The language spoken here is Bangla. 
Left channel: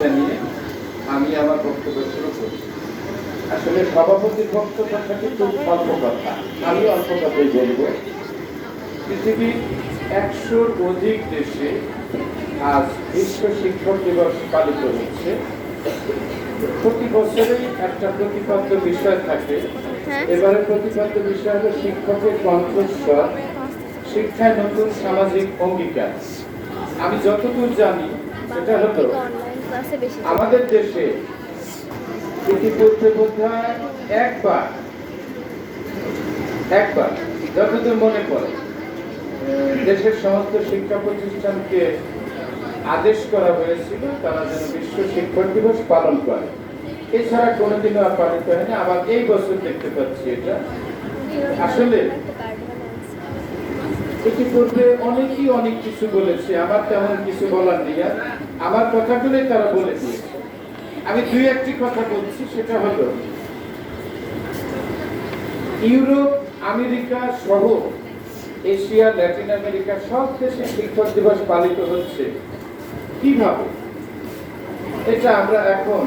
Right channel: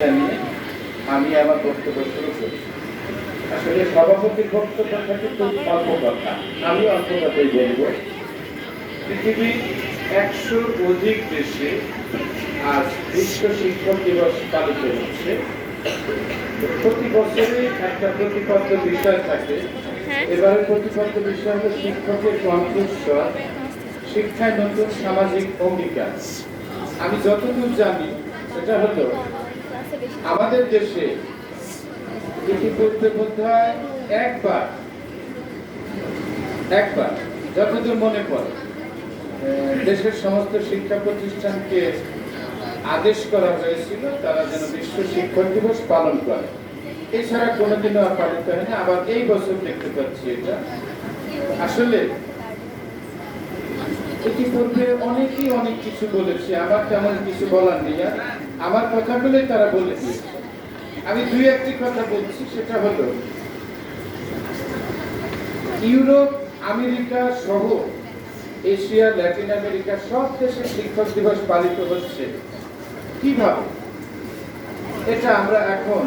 আমি আমার বক্তব্য শুরু করি। আসলে সভাপতির বক্তব্যটা কিন্তু অল্প কথা, আমি অল্প কথাই বলবো। পৃথিবীর 100 অধিক দেশে আজ বিশ্ব শিক্ষক দিবস পালিত হচ্ছে। প্রতি বছরই একটা প্রতিপাদ্য বিষয় থাকে। এবারে প্রতিপাদ্য বিষয় হলো শিক্ষকের কণ্ঠস্বর, শিক্ষায় নতুন সামাজিক অঙ্গীকার। আমি যতদূর জানি সেটা হলো আমাদের দেশে ইতিপূর্বে বোধহয় একবার যতদূর মনে পড়ে দেশের সমস্ত শিক্ষা প্রতিষ্ঠানকে আদেশ করা হয়েছিল তারা যেন বিশ্ব শিক্ষক দিবস পালন করে। এছাড়া কোনোদিনও আর পালিত হয়নি। আবার এই বছর দেখতে পাচ্ছি এটা। আসলে ইতিপূর্বে অনেকেই অনেক কিছু বলেছে, আমার তেমন কিছু বলার নেই। আর আমার কথাগুলোই তারা বলে দিয়েছে। আমি দুই একটি কথা বলছি, সেটা হলো ইউরোপ, আমেরিকা সহ এশিয়া, ল্যাটিন আমেরিকা সব দেশে শিক্ষক দিবস পালিত হচ্ছে কিভাবে, এটা আমরা এখন